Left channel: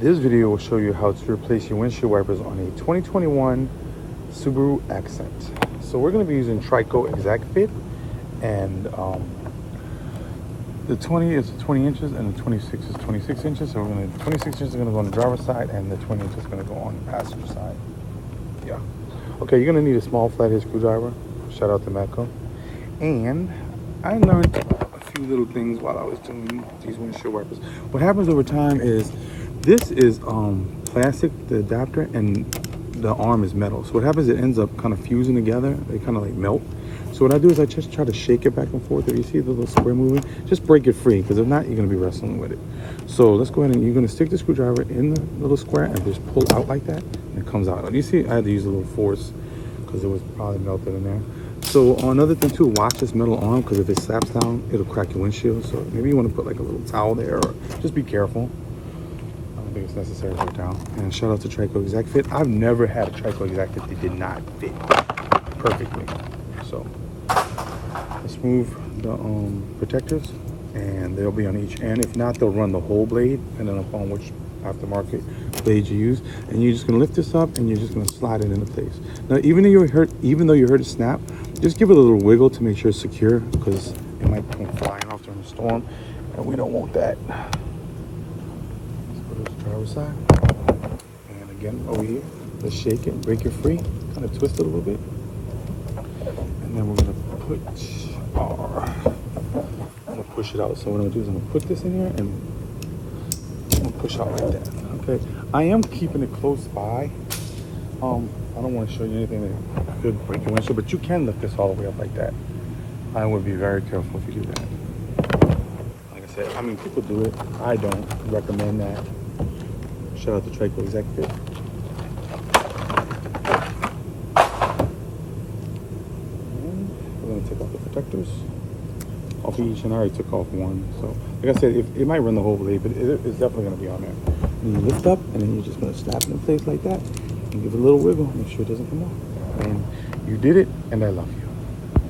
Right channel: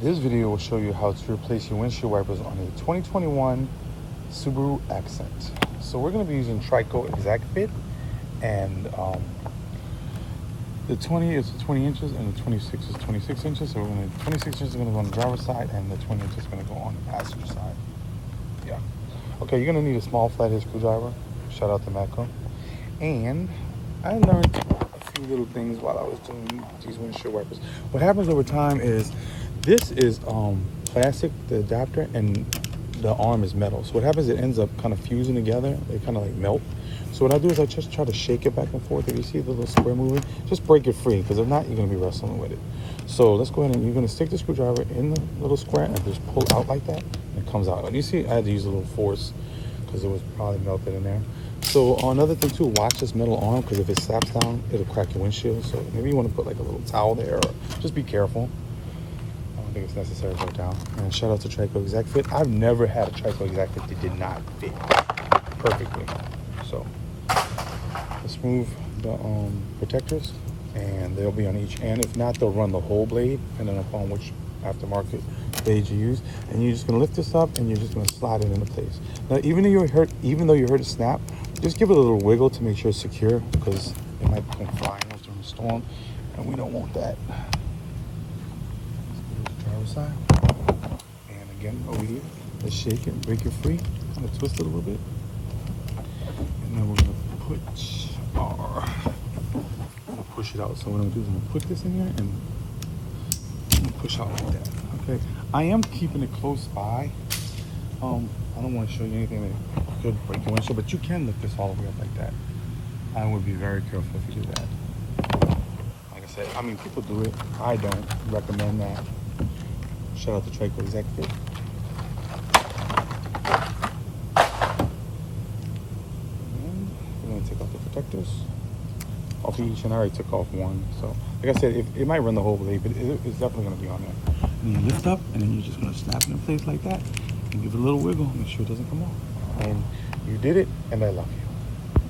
This video will show you how to replace your windshield wipers on a 2021 Subaru Accent. So we're going to be using Trico Exact Fit, and the 20 is 20 inches and the 26 is 26 inches. So we're going to 26 inches is going to go on the driver's side and the 20 inches is going to go on the passenger side. Yeah. Okay, you're going to need a small flathead screwdriver. Shout out to Matco. And I learned a few little things while I was doing these windshield wipers. What happens over time is this is plastic, the adapter, and the arm is metal. So what happens, it ends up kind of fusing together. They kind of like melt. So what I do is I just try to shake it back and forth. If you see the little square moving, just break it free, because if not, you're going to be wrestling with it. So let's go ahead and you're going to stick the screwdriver in the little square and just pull out like that, and it comes out. You see, I had to use a little force because it was probably melted in there. So another thing too, watch this metal arm, because if it slaps down, it'll crack your windshield. So maybe you want to put like a little towel there, or just be careful. I don't think it's necessary to put down. And shout out to Trico Exact Fit. I've never had a Trico Exact Fit that did not fit perfectly. So let's move the protectors, and they'll be on each end. If not, they'll run the whole blade, depending upon which aftermarket blade you use. And you're just gonna lift this up, and you're just gonna slide it into place. Now, even though you heard it snap, just give it a little wiggle to make sure it's secure, because it might come flying off during a storm, and we don't want that. Let's put it to the driver's side. And again, over here, let's shake it, break it free, kind of twist it a little bit. And then we're gonna push it out. So what I'm gonna do is I'm gonna put this in here and I'm gonna push out like that. Okay, I am keeping it close by. I don't want to show you anything that could break your windshield, but you can lift this all the way up like that. I would be very careful if you do that. Like I said, I mean, people do it. I don't recommend that. Shout out to Trico Exact Fit. We're gonna take off the protectors. Also, I already took off one. So, like I said, it might run the whole blade, but it's definitely gonna be on there. And you lift up, and then you're just gonna snap it in place like that, and give it a little wiggle. Make sure it doesn't come off. And you did it, and then